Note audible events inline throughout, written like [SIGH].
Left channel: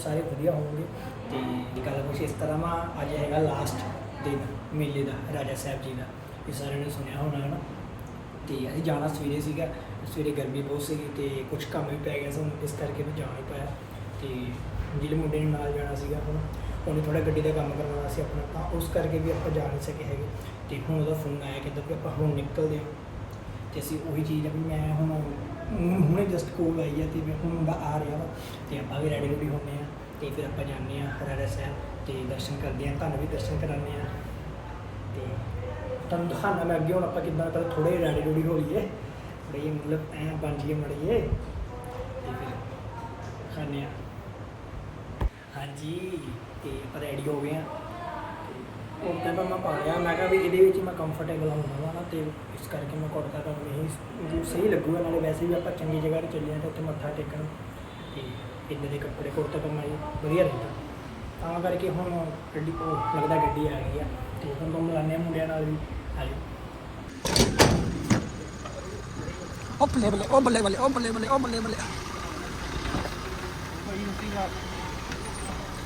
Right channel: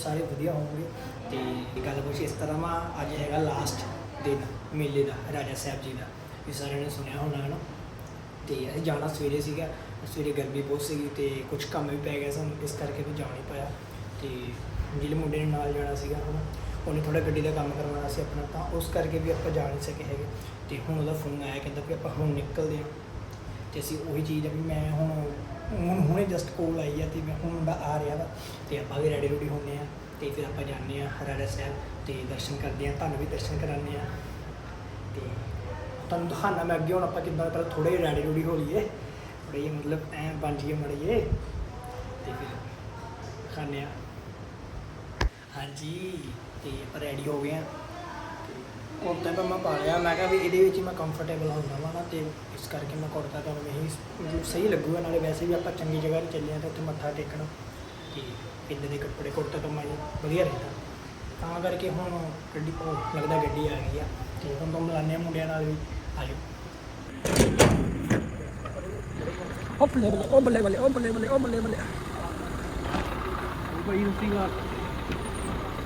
ਸਾਰੇ ਵਧੀਆ ਹੋਣਗੇ। ਤੇ ਇਹ ਗੱਲ ਕੁਛ ਇਸ ਤਰ੍ਹਾਂ ਵਾ, ਅੱਜ ਹੈਗਾ ਲਾਸਟ ਦਿਨ ਮੇਲੇ ਦਾ, ਰਾਜਾ ਸਾਹਿਬ ਜੀ ਦਾ। ਇਹ ਸਾਰਿਆਂ ਨੇ ਸੁਣਿਆ ਹੋਣਾ ਹੈ ਨਾ ਤੇ ਅਸੀਂ ਜਾਣਾ ਸਵੇਰੇ ਸੀਗਾ, ਸਵੇਰੇ ਗਰਮੀ ਬਹੁਤ ਸੀਗੀ ਤੇ ਕੁਝ ਕੰਮ ਵੀ ਪੈ ਗਿਆ ਸਾਨੂੰ, ਇਸ ਕਰਕੇ ਵੀ ਜਾਣਾ ਹੀ ਪਿਆ। ਤੇ ਜਿਹੜੇ ਮੁੰਡੇ ਨੇ ਨਾਲ ਜਾਣਾ ਸੀਗਾ ਹੁਣ ਉਹਨੇ ਥੋੜਾ ਗੱਡੀ ਦਾ ਕੰਮ ਕਰਵਾਉਣਾ ਸੀ ਆਪਣਾ, ਤਾਂ ਉਸ ਕਰਕੇ ਵੀ ਆਪਾਂ ਜਾ ਨਹੀਂ ਸਕੇ ਹੈਗੇ। ਤੇ ਹੁਣ ਉਹਦਾ ਫੋਨ ਆਇਆ, ਕਹਿੰਦਾ ਵੀ ਆਪਾਂ ਹੁਣ ਨਿਕਲਦੇ ਹਾਂ। ਤੇ ਅਸੀਂ ਉਹੀ ਚੀਜ਼ ਆ ਵੀ ਮੈਂ ਹੁਣ ਹੁਣ ਹੁਣੇ ਜਸਟ ਕੋਲ ਆਈ ਆ ਤੇ ਮੈਂ ਹੁਣ ਮੁੰਡਾ ਆ ਰਿਹਾ ਵਾ ਤੇ ਆਪਾਂ ਵੀ ਰੈਡੀ ਰੈਡੀ ਹੁੰਨੇ ਆ ਤੇ ਫਿਰ ਆਪਾਂ ਜਾਂਦੇ ਆ ਰਾਜਾ ਸਾਹਿਬ ਤੇ ਦਰਸ਼ਨ ਕਰਦੇ ਆ, ਤੁਹਾਨੂੰ ਵੀ ਦਰਸ਼ਨ ਕਰਾਉਂਦੇ ਆ। ਤੇ ਤੁਹਾਨੂੰ ਦਿਖਾਣਾ ਮੈਂ ਅੱਗੇ ਹੁਣ ਆਪਾਂ ਕਿੱਦਾਂ ਪਹਿਲਾਂ ਥੋੜੇ ਰੈਡੀ ਰੈਡੀ ਹੋ ਲਈਏ ਥੋੜੇ ਜਿਹੇ ਮਤਲਬ ਐ ਬਣ ਜੀਏ ਮੜੀਏ ਤੇ ਫਿਰ ਖਾਣੇ ਆ। ਹਾਂਜੀ, ਤੇ ਆਪਾਂ ਰੈਡੀ ਹੋ ਗਏ ਆ। ਕੁੜਤਾ ਤਾਂ ਮੈਂ ਪਾ ਲਿਆ। ਮੈਂ ਕਿਹਾ ਵੀ ਇਹਦੇ ਵਿੱਚ ਹੀ ਮੈਂ ਕੰਫਰਟੇਬਲ ਹੁੰਦਾ ਵਾ ਨਾ ਤੇ ਇਸ ਕਰਕੇ ਮੈਂ ਕੁੜਤਾ ਤਾਂ ਇਹ ਮਤਲਬ ਸਹੀ ਲੱਗੂਗਾ ਨਾਲੇ ਵੈਸੇ ਵੀ ਆਪਾਂ ਚੰਗੀ ਜਗ੍ਹਾ ਤੇ ਚੱਲੇ ਆ ਤੇ ਉੱਥੇ ਮੱਥਾ ਟੇਕਣ। ਤੇ ਇੱਦਾਂ ਦੇ ਕੱਪੜੇ ਕੁੜਤਾ ਤਾਂ ਮੈਂ ਵਧੀਆ ਰਹਿੰਦਾ। ਤਾਂ ਕਰਕੇ ਹੁਣ ਗੱਡੀ ਉਹ ਲੱਗਦਾ ਗੱਡੀ ਆ ਗਈ ਆ। ਤੇ ਹੁਣ ਤੋਂ ਮਿਲਾਨੇ ਮੁੰਡਿਆਂ ਨਾਲ ਵੀ। ਆ ਜਾਓ। ਉਹ ਬੱਲੇ ਬੱਲੇ ਉਹ ਬੱਲੇ ਬੱਲੇ ਉਹ ਬੱਲੇ ਬੱਲੇ ਉਹ ਬੱਲੇ ਬੱਲੇ। ਕੋਈ ਰੁਕੀ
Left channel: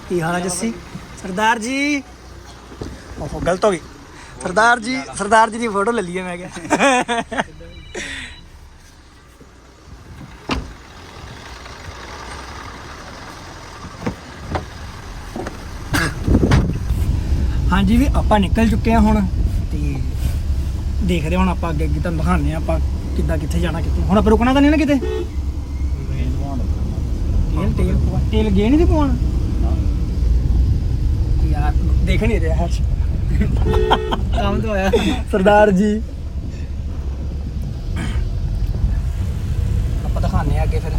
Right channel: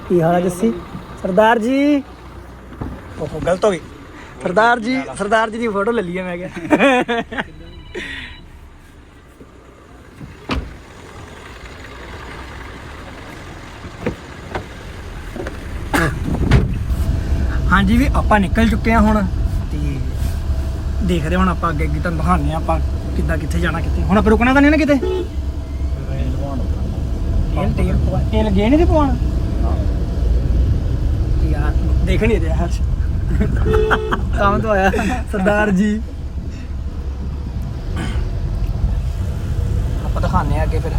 ਕੀ ਹਾਲ ਹੈ ਜੱਸੀ? ਸਰਦਾਰ ਜੀ? ਓਹੋ ਗਲਤ ਹੋ ਗਈ। ਸਰਦਾਰ ਜੀ ਸਰਦਾਰ ਜੀ ਦੀ ਫੋਟੋ ਲੈ ਲਈਏ ਮੈਂ ਕਿਹਾ। ਹਾਂਜੀ ਵੀ ਆਪਾਂ ਨਿਕਲ ਚੁੱਕੇ ਹਾਂ ਹੁਣ ਤੇ ਦੇਖਦੇ ਹੁਣ ਆਪਾਂ ਅੱਗੇ ਅੱਗੇ ਤੁਹਾਨੂੰ ਦਿਖਾਉਂਦੇ ਹਾਂ ਆਪਾਂ ਕਿੱਦਾਂ ਕਿੱਥੇ ਜਾਣਾ ਕਿੱਥੇ। ਹੁਣ ਆਪਾਂ ਰੁਕਣਾ ਤਾਂ ਨਹੀਂ ਨਾ ਕਿਤੇ? ਤੇਲ ਤੇਲ ਤੇਲ ਗਏ ਨਹੀਂ ਤੇ ਪਵਾਉਣ? ਯਾਰ ਦੇਖ ਨਹੀਂ ਰਿਹਾ ਹਰਸ਼ ਕੰਮ ਤੋਂ ਆਇਆ। ਸਰਦਾਰ ਜੀ। ਆਪਾਂ ਦਿਖਾਉਂਦੇ ਆ ਅੱਗੇ ਫਿਰ।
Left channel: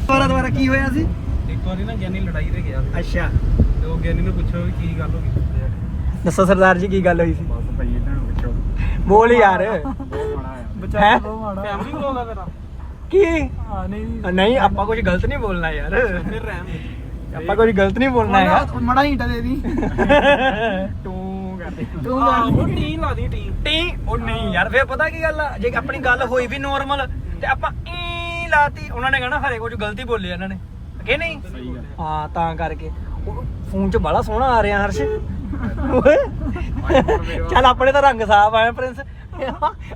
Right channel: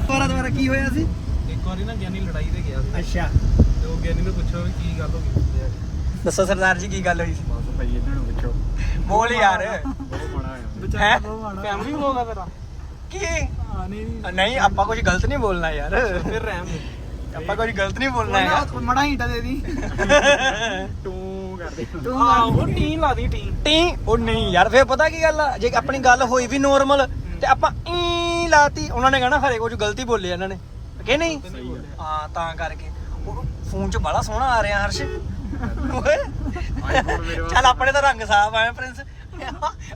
ਦੁਬਾਰਾ ਦੁਬਾਰਾ ਕੀ ਹੋਇਆ ਸੀ? ਇੱਕ ਵਾਰੀ ਨਾ ਗਿਆਨੀ ਲੜਾਈ ਤੇ ਗਿਆ ਸੀ। ਅੱਛਾ। ਤੇ ਉਹ ਗਿਆਨੀ ਨੂੰ ਪੁੱਛੋ ਵੀ ਕੀ ਗੱਲ ਹੋ ਗਈ। ਦੱਸੋ ਸਰਦਾਰ ਜੀ ਕੀ ਗੱਲ ਹੋਈ ਸੀ? ਬਸ ਭਾਈ ਇਹਨਾਂ ਨੂੰ ਪੁੱਛੋ। ਬੋਲ ਯਾਰ। ਬਹੁਤ ਮਾੜਾ ਆ ਹੈਂ? ਬਹੁਤ ਮਾੜਾ ਫੈਮਿਲੀ ਬਲੌਗ ਆ ਤੇਰਾ। ਕੀ? ਹਾਂ ਨਹੀਂ। ਨਹੀਂ ਆਪਾਂ ਕੁਝ ਗਲਤ ਨਹੀਂ ਬੋਲਣਾ ਯਾਰ। ਫਿਰ ਰਹਿਮ ਆਪਾਂ ਕੁਝ ਗਲਤ ਨਹੀਂ ਬੋਲਣਾ ਹੈਗਾ। ਮੜਾ ਹੀਟਾ ਦੇ ਦੀ। [LAUGHS] ਤੂੰ ਕਰਦੇ। ਤੂੰ ਉਹ ਟੀ ਲਾ ਦੀ ਟੀ। ਟੀ। ਉਹ ਨਹੀਂ ਯਾਰ ਫੇਰ ਪਤਾ ਕੀ ਗੱਲ ਆ? ਜੇ ਆਪਣੀ ਗੱਲ ਹੋਈ ਵੀ ਨੋਰਮਲ ਤੇ ਆਪਾਂ ਈ ਲਾਤੀ। ਉਹਨਾਂ ਨੇ ਕਹਿਣਾ ਖਰੇ ਕੁਝ ਗਲਤੀ ਬੋਲੇ ਇਹਨਾਂ ਨੇ। ਕਿ ਨਹੀਂ? ਹਾਂ ਤਾਂ ਕਰਕੇ। ਉਹ ਫੋਨ 'ਚ ਬੜਾ ਸੋਹਣਾ ਆ ਰਿਹਾ ਹਰਸ਼। ਚੱਲ ਆਪਣੇ ਤਾਂ ਰੰਗ ਸਾਫ਼ ਆਇਆ ਪ੍ਰਿੰਸ।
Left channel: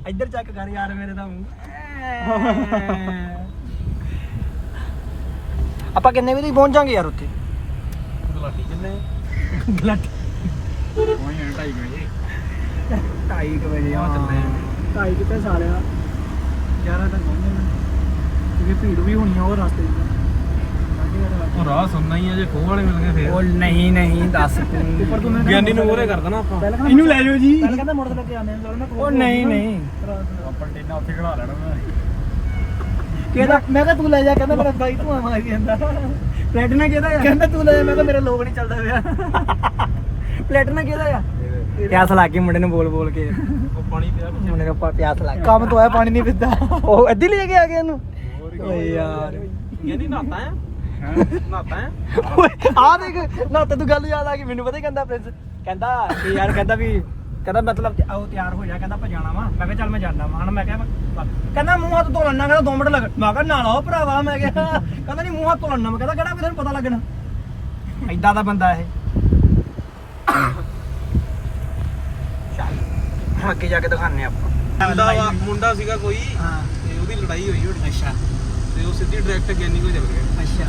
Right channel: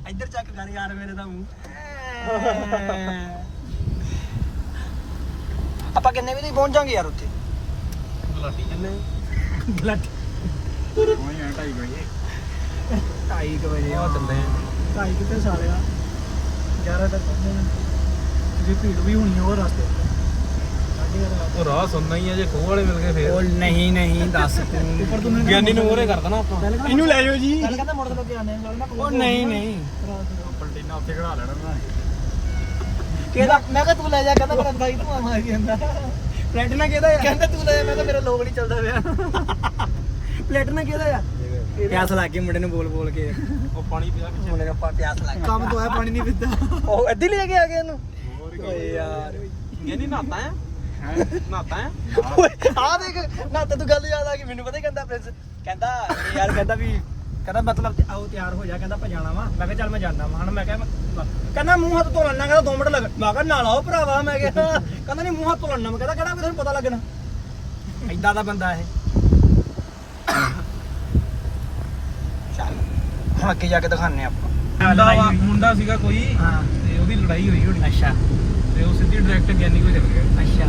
ਇੱਧਰ ਚੱਕ ਕਰ ਯਾਰ ਮੇਰੇ ਤਾਂ ਮੂੰਹ। [LAUGHS] ਆਪਾਂ ਕਿੰਨੇ ਵਜੇ ਪਹੁੰਚ ਜਾਾਂਗੇ ਯਾਰ ਉੱਥੇ? ਗਲਾਟੀ ਜੰਨੇ ਗਲਤ ਕੋਈ ਹੈ ਢਾਈ ਗਏ 2:30 ਵਜੇ ਆ ਚੱਲੇ ਆ। ਢਾਈ ਕਿਤੇ ਸਾਲਿਆ 11 ਤੱਕ ਪਹੁੰਚ ਜਾਣਾ। ਜੇ ਭੀੜ ਵੀ ਹੋਣੀ ਆ ਉਹ ਰਸਤੇ 'ਚ। ਉਹ ਰਾਹ ਸੁਣਨਾ ਹੀ ਆ ਜੇ ਖੂਹ ਵਾਲੇ ਮਿਲ ਗਏ ਫੇਰ। ਉਹ ਨਹੀਂ ਨਹੀਂ ਦੱਸ ਤੂੰ। ਗਿਆਨੀ ਨੂੰ ਮੂਹਰੇ ਕਰ ਦੇਣਾ ਆਪਾਂ। ਇਹਨੂੰ ਲੈ ਜਾਓ ਜੀ। ਪਹਿਲਾਂ ਕਹਿੰਦਾ ਮੋਟਰ ਤੇ ਆਨੇ ਉਹ ਨਹੀਂ ਨਹੀਂ। ਆਪਾਂ ਟੀਨਾ ਉੱਥੇ ਖੜਾ ਲੈਣਾ ਮੈਂ। ਕਹਿੰਦਾ ਮੈਂ ਕਿਹਾ ਤੂੰ ਲੈ ਜਾ ਕਹਿੰਦਾ ਮੇਰਾ ਦਾਈ ਤੂੰ ਮਾਰੀ ਜਾਂਦਾ। ਪਲੇਟਨਾ ਕਿਹਦਾ ਆ? ਕਹਿੰਦਾ ਤੂੰ ਲੈ ਜਾ ਮੈਂ ਕਿਹਾ ਮੇਰਾ ਲੋਕ ਨਹੀਂ ਚੱਲਦਾ ਪਿਆ। ਪਲੇਟਨਾ ਕਿਹਦਾ ਆ? ਪਿਆਸ ਲੱਗ ਗਈ ਮੁੰਡੇ ਨੂੰ ਬੋਲ ਬੋਲ ਕੇ। ਉਹ ਪਾਣੀ ਪੀਦਾ ਪਿੱਛੇ ਮੁੰਡੇ ਨੂੰ ਪਾ- ਪਿਆਸ ਲੱਗ ਗਈ। ਕੰਮ ਤੋਂ ਆਇਆ ਪਾਣੀ ਨਹੀਂ ਪੀਤਾ ਉਹ ਅੱਧੀ ਲੈ ਕੇ ਆ ਗਿਆ ਇਹਨੂੰ। ਹੋਰ ਕੀ ਯਾਰ। ਗਿਆਨੀ ਨਹਾਤਾ ਹੈ? ਹੈ? ਨਹਾਤਾ ਹੈ? ਆ ਦੇਖ ਨਾ ਤੇ ਤੂੰ ਗੱਲ ਯਾਦ ਆ ਗਈ ਮੈਨੂੰ ਪਤਾ ਹੀ ਕਹਿੰਦਾ ਪ੍ਰਿੰਸ ਕਹਿੰਦਾ ਯਾਰ ਕਹਿੰਦਾ ਵੀ ਕਹਿੰਦਾ ਮਤਲਬ ਤੇ ਆਓ ਤਿਆਰ ਹੋ ਜਾ ਕਹਿੰਦਾ ਆਪਾਂ ਜਾਣਾ ਵਾ। ਮੈਂ ਕਿਹਾ ਚੱਲ ਮੈਂ ਜਾਂਦਾ ਵਾ। ਹਣ ਮੈਂ ਕਿਹਾ ਮੈਂ- ਕਹਿੰਦਾ ਮੂੰਹ ਹੱਥ ਧੋ ਲੈਣਾ ਕਹਿੰਦਾ 2 ਮਿੰਟ ਲੱਗ। ਮੈਂ ਕਿਹਾ ਨਾਲ ਆਓ ਭਰਾਵਾ। ਮੈਂ ਕਿਹਾ ਕਹਿੰਦਾ ਨਹੀਂ ਮੂੰਹ ਹੱਥ ਧੋ ਲੈਣਾ ਮੈਂ। ਕਹਿੰਦਾ ਕਿਹੜਾ ਵੀ ਤੈਨੂੰ ਪਤਾ ਲੱਗਣਾ? ਐਦਾਂ ਦਾ ਬੰਦਾ ਇਹ। ਚੱਲ ਹੁਣ ਅੱਗੇ ਜਾ ਕੇ ਦਿਖਾਣੇ ਆਪਾਂ। ਮੁੰਡਾ ਵਾ- ਮੁੰਡਾ ਸੀਗਾ ਕੋਈ ਹਾਂ। ਤੇ ਉਹਦੀ ਲੜਾਈ ਹੋਈ ਹੋਣੀ। ਅੱਛਾ। ਤੇ ਉਹ ਸਿੱਧੀ ਡਾਇਰੈਕਟ ਗਿਆਨੀ ਕੋਲ ਚਲ ਗਿਆ। ਅੱਛਾ।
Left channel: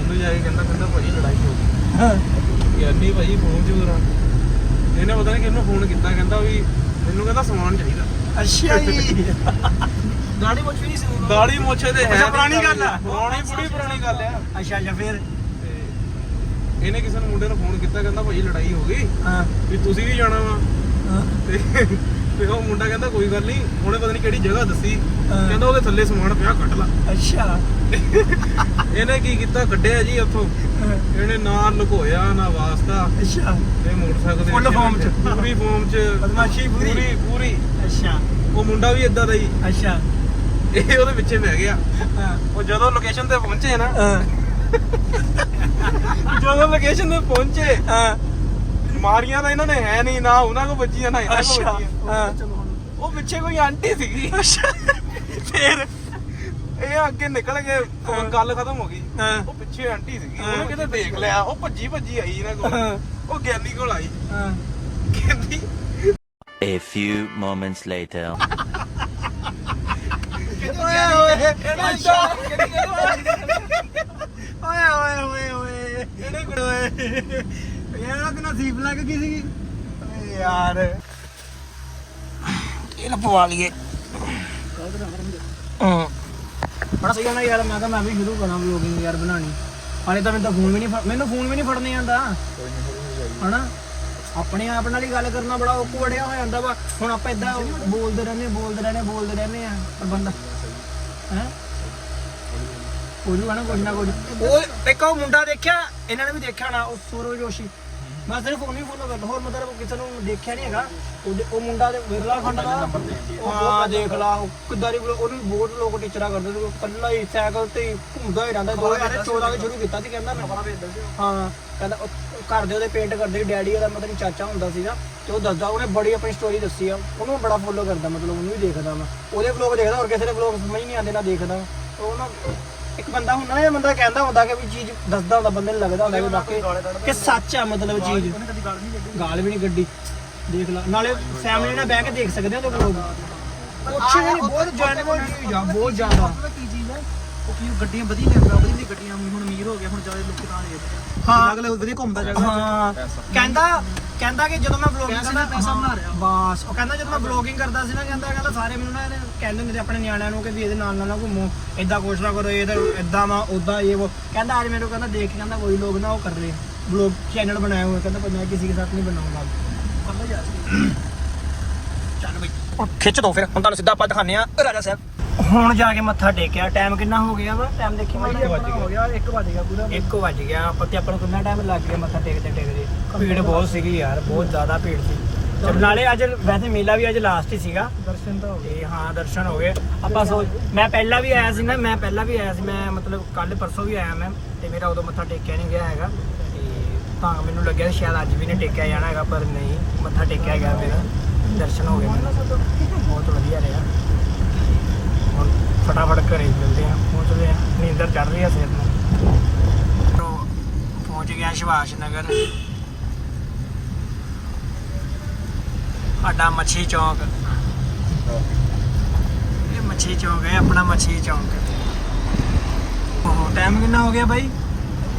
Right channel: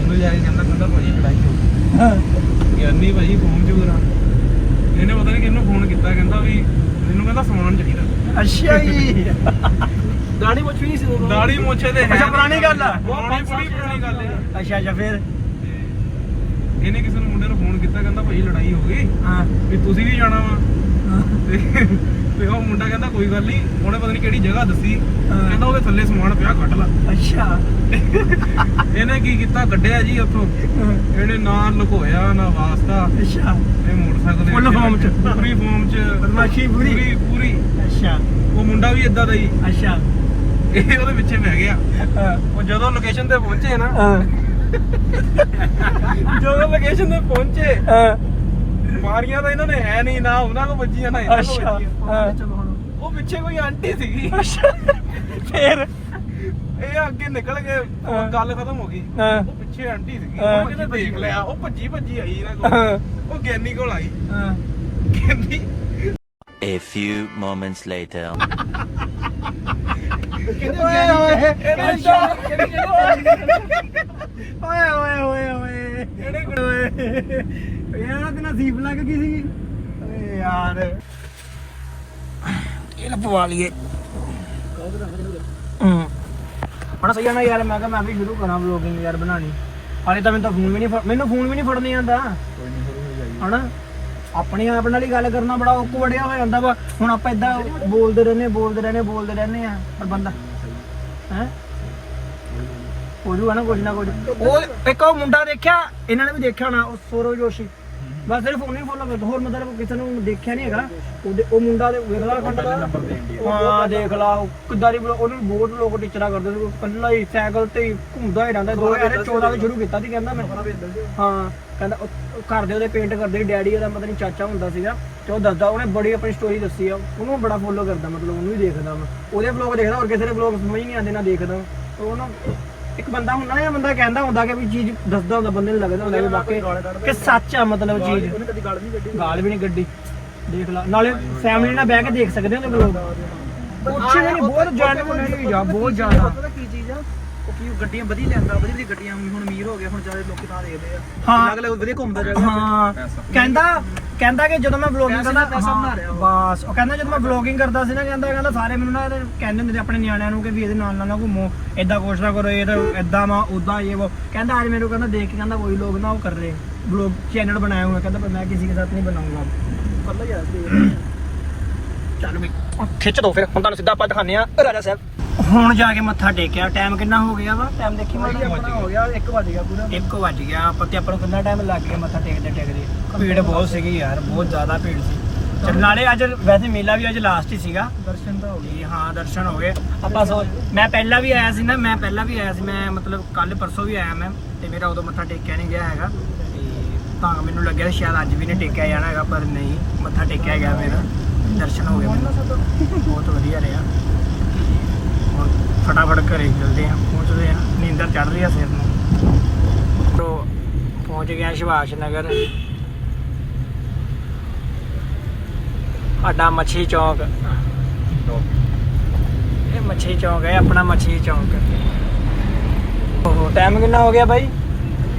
ਉਹਨੂੰ ਜਾ ਕੇ ਕਹਿੰਦਾ ਕਹਿੰਦਾ ਭਾਜੀ ਲੜਾਈ ਹੋ ਗਈ। ਹਾਂ। ਗਿਆਨੀ ਭਾਜੀ ਫੋਨ ਚ ਕਰਾ ਇਹਨੇ ਪਤਾ ਕੀਤਾ ਕਹਿੰਦਾ ਵੀ ਮੈਨੂੰ ਕਹਿੰਦਾ ਸਮਾਨ ਚਾਹੀਦਾ। ਅੱਛਾ ਜੀ। ਦਾੜੀ ਮੁੱਛ ਵੀ ਨਹੀਂ ਸੀ ਦਾੜੀ ਮੋਛੇ ਤੇ ਹੈ ਅੱਛਾ, ਪੁਰਾਣੀ ਗੱਲ ਆ। ਪੁਰਾਣੀ ਬੜੀ ਪੁਰਾਣੀ ਗੱਲ ਆ। ਅੱਛਾ। ਅੱਛਾ ਫਿਰ? ਤੇ ਇਹਨੇ ਕਿਸੇ ਨੂੰ ਮੁੰਡੇ ਨੂੰ ਫੋਨ ਕੀਤਾ ਕਹਿੰਦਾ ਭਾਜੀ ਲੜਾਈ ਹੋ ਗਈ। ਹਾਂ। ਵੀ ਤੁਸੀਂ ਵੀ ਜਾਣਾ ਵਾ। ਤੇ ਉਹ ਮੁੰਡਾ ਕਹਿੰਦਾ ਕੋਈ ਗੱਲ ਨਹੀਂ ਉਹਨੇ ਪਤਾ ਨਹੀਂ ਕਿਹੜੀ ਜਗ੍ਹਾ ਦੱਸੀ। ਕਹਿੰਦਾ ਉਹਦੇ ਥੱਲੇ ਸਮਾਨ ਪਿਆ ਕੱਢ ਲਾ। ਅੱਛਾ। ਇਹਨੇ ਕੀ ਕੀਤਾ? ਕੱਢਿਆ ਜੀ ਉੱਥੋਂ। ਇਹਨੇ ਨਾ ਲੁਕੋਇਆ ਨਾ ਵਾਸਤਾ। ਅੱਛਾ। ਇਹ ਮੋਟਰਸਾਈਕਲ ਦੇ ਵਿੱਚ form ਚ। ਪੂਰੀ ਫਾਰਮ ਚ। ਬਦਮਾਸ਼ੀ ਪੂਰੀ। ਪੂਰੀ ਪੂਰੀ। ਅੱਛਾ। ਉਹ ਮੁੰਡਾ ਵੀ ਇਦਾਂ ਦਾ ਹੀ। ਅੱਛਾ। ਇਹ ਉਹਦੇ ਪਿੱਛੇ ਬਹਿ ਗਿਆ। ਉਹ ਜਦੋਂ ਲੋਕੇਸ਼ਨ ਤੇ ਪਹੁੰਚੇ ਨਾ ਹਾਂ। ਜਦੋਂ ਲੋਕੇਸ਼ਨ ਤੇ ਪਹੁੰਚੇ ਹਾਂ। ਮਾਰੀਆਂ ਤਾਂ ਇਹਨਾਂ ਨੇ ਹੈ ਨਹੀਂ ਨਾ ਉਹਨਾਂ ਨੂੰ ਵੱਜੀਆਂ ਨਾ ਇਹਨਾਂ ਨੂੰ ਅੱਛਾ ਵੱਜੀਆਂ। ਹਾਂ। ਉਹ ਪਿੱਛੇ ਕੋਈ ਆਂਟੀ ਸੀਗੀ। ਅੱਛਾ ਫਿਰ? ਇਹ ਅੱਗੇ ਨਿਕਲ ਹਾਂ। ਗੱਲ ਖਤਮ ਹੋ ਗਈ। ਹਾਂ। ਉਹ ਪਿੱਛੇ ਆਂਟੀ ਸੀਗੀ। ਹਾਂ। ਉਹ ਕਿਤੇ ਦੇਖ ਲਿਆ ਉਹ ਭੱਜੀ ਭੱਜੀ ਆਈ ਇਹਨਾਂ ਹਾਂ। ਕੋਲ ਉਹ ਗਿਆਨੀ ਕੋਲ ਆਈ। ਹਾਂ। A few moments later. ਓਏ ਓਏ ਇਹਦਾ ਸ਼ੌਕ ਓਏ ਓਏ ਓਏ ਓਏ। ਇਹਨੇ ਓਏ। ਯਾਰ ਤੇ ਨਸੀਬ ਲੱਗ ਗਈ ਸੀ ਓਏ ਯਾਰ। ਇਹ ਲਪਵਾ ਲਈਏ। ਹਾਂ। ਹਾਂ ਸਹੀ ਨਾ ਯਾਰ ਮੈਂ ਤਾਂ ਮੈਂ ਵੀ ਸ਼ੁਰੂ ਕਰਾਂ ਵਲੋਗਿੰਗ ਯਾਰ ਬਣਾਣੀ ਹਾਲੇ ਤਾਂ ਮੈਨੂੰ ਤਾਂ ਫੋਨ ਵੀ ਨਹੀਂ ਮੈਨੂੰ ਫੋਨ ਵੀ ਨਹੀਂ ਫੜਨੇ ਆਉਂਦਾ। ਹਨਾ? ਆਪਣੇ ਆਪ ਨਾਲ ਹੀ ਗੱਲ ਕਰਨਾ ਬੜਾ ਔਖਾ ਵੜਿਆ ਹੋ ਜਾਂਦਾ ਵਾ। ਹੁਣ ਆਪਾਂ ਇਦਾਂ ਬੋਲਦੇ ਰਹਿੰਦੇ ਬੋਲਦੇ ਰਹਿੰਦੇ ਬੋਲਦੇ ਰਹਿੰਦੇ ਆ। ਪਰ ਬੰਦਾ ਹੈ? ਉਹਨੂੰ ਨਾ ਕੁਝ ਨਾ ਕੁਝ ਉਹ ਇੱਕ ਉਹ ਮੁੰਡਾ ਦੇਖਿਆ ਇਹਨਾਂ ਨੇ ਵੀ ਦੇਖਿਆ ਹੋਣਾ ਉਹ ਸੌਰਵ ਜੋਸ਼ੀ। ਬਸ ਸਿਰਫ ਉਹਨੇ ਫੋਲੋ ਕਰਦਾ ਹੋਰ ਮਤਲਬ ਕਿਸੇ ਨੂੰ ਦੇਖਿਆ ਨਹੀਂ ਹੈਗਾ। ਉਹਦੇ ਉਹ ਮੁੰਡਾ ਦੇ ਵੇਖ ਲਾ ਖੰਡ ਹਾਂ ਦੇਖ ਲਾ ਉਹ ਕਿੱਦਾਂ ਦੀ ਉਹਨੂੰ ਬਹੁਤ ਲੋਕ ਟੀਚਰਾਂ ਕਰਦੇ ਸੀ ਕੱਲਾ ਹੀ ਸਾਈਕਲ ਤੇ ਘੁੰਮਦਾ ਹੀ ਰਹਿੰਦਾ 2014 ਤੋਂ ਸ਼ੁਰੂ ਕੀਤਾ ਸੀ ਕਹਿੰਦਾ ਮੈਂ। ਹਾਂ ਕਹਿੰਦਾ ਘਰ ਦੇ ਉਹਦੇ ਪੇਂਟ ਕਰਦੇ ਡੈਡੀ ਉਹਦਾ ਮਤਲਬ ਚਾਚਾ ਹੁੰਦਾ ਸੀਗਾ ਤੇ ਉਹ ਦੱਸਦਾ ਉਹਨੇ ਬੜੀ ਆਪਣੀ ਸਟੋਰੀ ਦੱਸੀ ਆ ਉਹਨੂੰ ਬੜਾ ਫੋਲੋ ਕਰਦਾ ਮਤਲਬ ਉਹਨੂੰ ਵੀ ਦੇਖਦਾ ਮੈਂ ਉਹਦੇ ਵਲੌਗ ਦੇਖਦਾ ਹੋਰ ਕਿਸੇ ਦੇ ਵਲੌਗ ਸਮਝ ਨਹੀਂ ਆਉਂਦੇ ਨਾ ਦੇਖਦਾ ਮੈਂ। ਉਹਨੂੰ ਇੱਕ ਬੰਦਾ ਹੁੰਦਾ ਨਾ ਇਹ ਬੰਦਾ ਕਹਿੰਦਾ ਹੁੰਦਾ ਕਿ ਵੀ ਚੀਜ਼ ਦੱਸਦਾ ਹੁੰਦਾ ਬੰਦੇ ਨੂੰ ਲੱਗਦਾ ਹੁੰਦਾ ਵੀ ਵਾਕਈ ਕਿ ਸੱਚ ਆ ਮਤਲਬ ਚੀਜ਼। ਗਾਲ ਵੀ ਨਹੀਂ ਗੱਡੀ ਦੇਖ ਲਾ ਨਾਲੇ ਫੈਮਿਲੀ ਨਾਲ ਬਹਿ ਕੇ ਦੇਖ ਸਕਦੇ ਹੋ ਕੁਛ ਵੀ ਨਹੀਂ ਬਹੁਤ ਜੈਨੂਇਨ ਆ ਬਹੁਤ ਜ਼ਿਆਦਾ। ਕੀ ਉਹ ਗੱਡੀਆਂ ਵਧੀਆ ਲਿਆਂਦਾ ਵਧੀਆ ਵਧੀਆ ਗੱਡੀਆਂ ਹੁਣ ਅਮੀਰ ਹੋ ਗਏ ਹੁਣ ਚਾਹੇ ਲੋਕੀ ਤਾਂ ਦੇਖਦੇ ਆ। ਹਾਂ। ਅਗਲੇ ਵਧੀਆ ਘੁੰਮਦਾ ਜਾਏਗਾ ਹਾਂ। ਕਹਿੰਦਾ ਕਹਿੰਦਾ ਕਿ ਜਦੋਂ ਮੈਂ ਵਲੌਗਿੰਗ ਕਰਦਾ ਦਾ ਪੈਸਾ ਬਣਾ ਰਿਹਾ। ਬਸ। ਉਹ ਕਹਿੰਦਾ ਜਦੋਂ ਮੈਂ ਵਲੌਗਿੰਗ ਕਰਦਾ ਸੀ ਨਾ ਕਹਿੰਦਾ ਕਹਿੰਦਾ ਸਾਰੇ ਮੈਨੂੰ ਨਾ ਕਹਿੰਦੇ ਹੁੰਦੇ ਆਪਣੇ ਨਿਆਣਿਆਂ ਨੂੰ ਕਿ ਵੀ ਇਹਦੇ ਨਾਲ ਨਾਲ ਨਾ ਘੁੰਮੋ ਏਦਾਂ ਕੁਛ ਨਾ ਕਰੋ ਇਹ ਤਾਂ ਏਦਾਂ ਵਾ ਉਦਾਂ ਇਹ ਉਹ ਕਹਿੰਦਾ ਅੱਜ ਮੈਨੂੰ ਕਹਿੰਦਾ ਦੇਖ ਕੇ ਕਹਿੰਦਾ ਵਹੀ ਲੋਕ ਨਾ ਉਹ ਕਰ। ਰਹੇ ਵਲੌਗ ਚੈਨਲ ਬਣਾਏ ਹੋਏ ਕਹਿੰਦਾ ਪਰ ਮੈਂ ਕਿਸੇ ਕੇ ਸਾਥ ਨਹੀਂ ਬਣਾਉਂਗਾ ਕੱਲਾ ਸੀ ਚੱਲ ਵੀ। ਖਿੱਚ ਦੋ ਫਿਰ ਹੁਣ ਤੁਹਾਨੂੰ ਸਿੱਧਾ ਆਪਾਂ ਦਿਖਾਉਂਦੇ ਆ ਰਾਜਾ ਸਾਹਿਬ। ਹੁਣ ਜਾ ਕੇ ਮੱਥਾ ਟੇਕਿਆ ਟਾਈਮ ਕਿੰਨਾ ਹੋ ਗਿਆ ਵਾ? ਟਾਈਮ ਦੇਖੀ ਮੈਂ ਹੋ ਗਿਆ 1 ਵਜ ਗਿਆ ਪੂਰੇ। 1 ਵਜ ਗਿਆ ਆਪਾਂ ਤੇ ਆਪਾਂ ਨੂੰ ਕਿੰਨਾ ਟਾਈਮ ਲੱਗ ਗਿਆ ਮੱਥਾ ਟੇਕਦੇ ਟੇਕਦੇ? ਭੀੜ ਬਹੁਤ ਸੀਗੀ ਯਾਰ ਬਹੁਤ ਜ਼ਿਆਦਾ ਭੀੜ ਸੀ। ਚੱਲ ਨਾਲੇ ਅੱਜ ਵੈਸੇ ਮੇਲਾ ਵੀ ਅੱਜ ਲਾਸਟ ਹੀ ਸੀਗਾ। ਦਰਸ਼ਨ ਤਾਂ ਹੋ ਤੇ ਹਾਂ ਦਰਸ਼ਨ ਹੋ ਗਏ। ਆਪਾਂ ਸੋ ਮੈਂ ਪਹਿਲਾਂ ਵੀ ਆਇਆ ਸੀ ਨਾ ਮੈਂ ਪਹਿਲਾਂ ਵੀ ਆਇਆ ਸੀ ਮੈਂ ਮਤਲਬ ਕੱਲ ਪਰਸੋਂ ਵੀ ਆਇਆ ਮੈਂ ਤੇ ਮੇਰਾ ਉਦੋਂ ਮੱਥਾ ਟੇਕਿਆ ਨਹੀਂ ਗਿਆ ਹੈਗਾ। ਤੇ ਤਾਂ ਮੈਨੂੰ ਲੱਗਿਆ ਸ਼ਾਇਦ ਅੱਜ ਵੀ ਨਹੀਂ ਟੇਕਿਆ ਜਾਣਾ ਹੈਗਾ ਪਰ ਨਹੀਂ ਮੱਥਾ ਟੇਕਿਆ ਗਿਆ ਮੇਰਾ। ਦਰਸ਼ਨ ਹੋ ਗਏ ਮੈਨੂੰ। ਬਹੁਤ ਵਧੀਆ ਰਿਹਾ। ਫਟਾਫਟ ਘਰੇ ਜਲਦੀ ਪਹੁੰਚਦੇ ਆ ਨੀਂਦਰ ਚੜ ਰਹੀ ਆ ਫਿਰ ਤੋਂ ਪਹੁੰਚ ਗਿਆ ਸੁਭਾਸ਼ ਨਗਰ। ਸਾਡਾ ਮੱਛੀ ਚੌਂਕ। ਇਹ ਮੱਛੀ ਚੌਂਕ ਹੈ, ਆਪਣਾ ਮੱਛੀ ਚੌਂਕ। ਓਹੋ ਟਾਈਮ ਕਿੰਨਾ ਹੋ ਗਿਆ ਬਾਈ?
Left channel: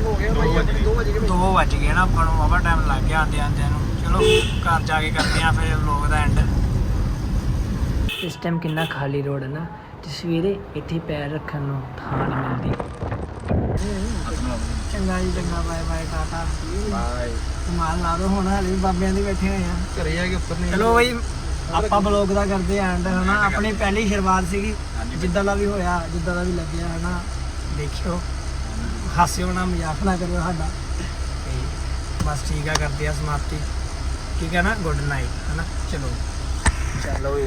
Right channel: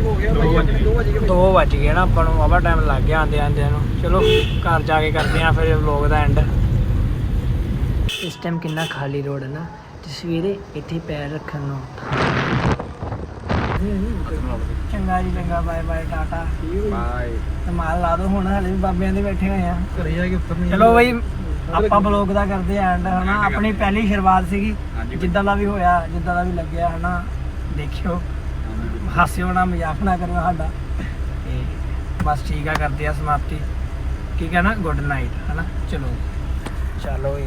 ਹੋ ਗਿਆ ਭਾਈ ਆਪਣੇ 2 ਵਜ 2 ਵੱਜ ਗਏ ਨਾ, ਆਪਾਂ ਨੂੰ ਵਾਵਾ ਟਾਈਮ ਲੱਗ ਗਿਆ ਆਂਦੇ ਆਂਦਿਆਂ ਨੂੰ। ਚਲੋ, ਘਰ ਜਾ ਕੇ ਕਰਦੇ ਆ ਫਿਰ ਵਲੌਗ ਦਾ ਐਂਡ ਇਸ ਟਾਈਮ ਕਿੰਨਾ ਖਾਲੀ ਰੋਡ ਹੈ ਨਾ। ਤੇ ਸਵੇਰੇ ਇੱਥੇ ਪੈਰ ਰੱਖਣ ਨੂੰ ਥਾਂ ਨਹੀਂ ਚੰਗਾ ਜੀ ਚੰਗਾ ਬਾਏ ਬਾਏ ਟਾਟਾ। ਬਾਏ। ਕਮਾਲ ਲਾ ਦੋ ਹੁਣ ਹਲੇ ਵੀ ਬਾਬਿਆਂ ਦੇ ਬੈਠੇ ਆ। ਘਰੇ ਜਾ ਕੇ ਉੱਤਰ ਨਹੀਂ। ਚਲੋ ਬਈ ਆਪਾਂ ਬਲੌਗ ਦਾ ਕਰਦੇ ਆਂ ਐਂਡ ਹਨਾ? ਆਪਣੀ ਪਹਿਲੀ ਸ਼ੁਰੂਆਤ ਸੀਗੀ। ਜਿੱਦਾਂ ਦਾ ਵੀ ਹੋਇਆ ਜਿੱਦਾਂ ਦਾ ਵੀ ਲੱਗਿਆ ਹਨਾ? ਦੇਖਿਓ। ਹਾਸਿਓ ਨਾ ਮਜ਼ਾਕ ਨਾ ਕਰਿਓ ਸਾਡਾ। ਤੇ ਬਸ ਠੀਕ ਆ ਕਰਦੇ ਆ ਸਮਾਪਤੀ। ਠੀਕ ਹੈ ਨਾ? ਗੁੱਡ ਨਾਈਟ ਹਨਾ? ਚਲੋ। ਚਲੋ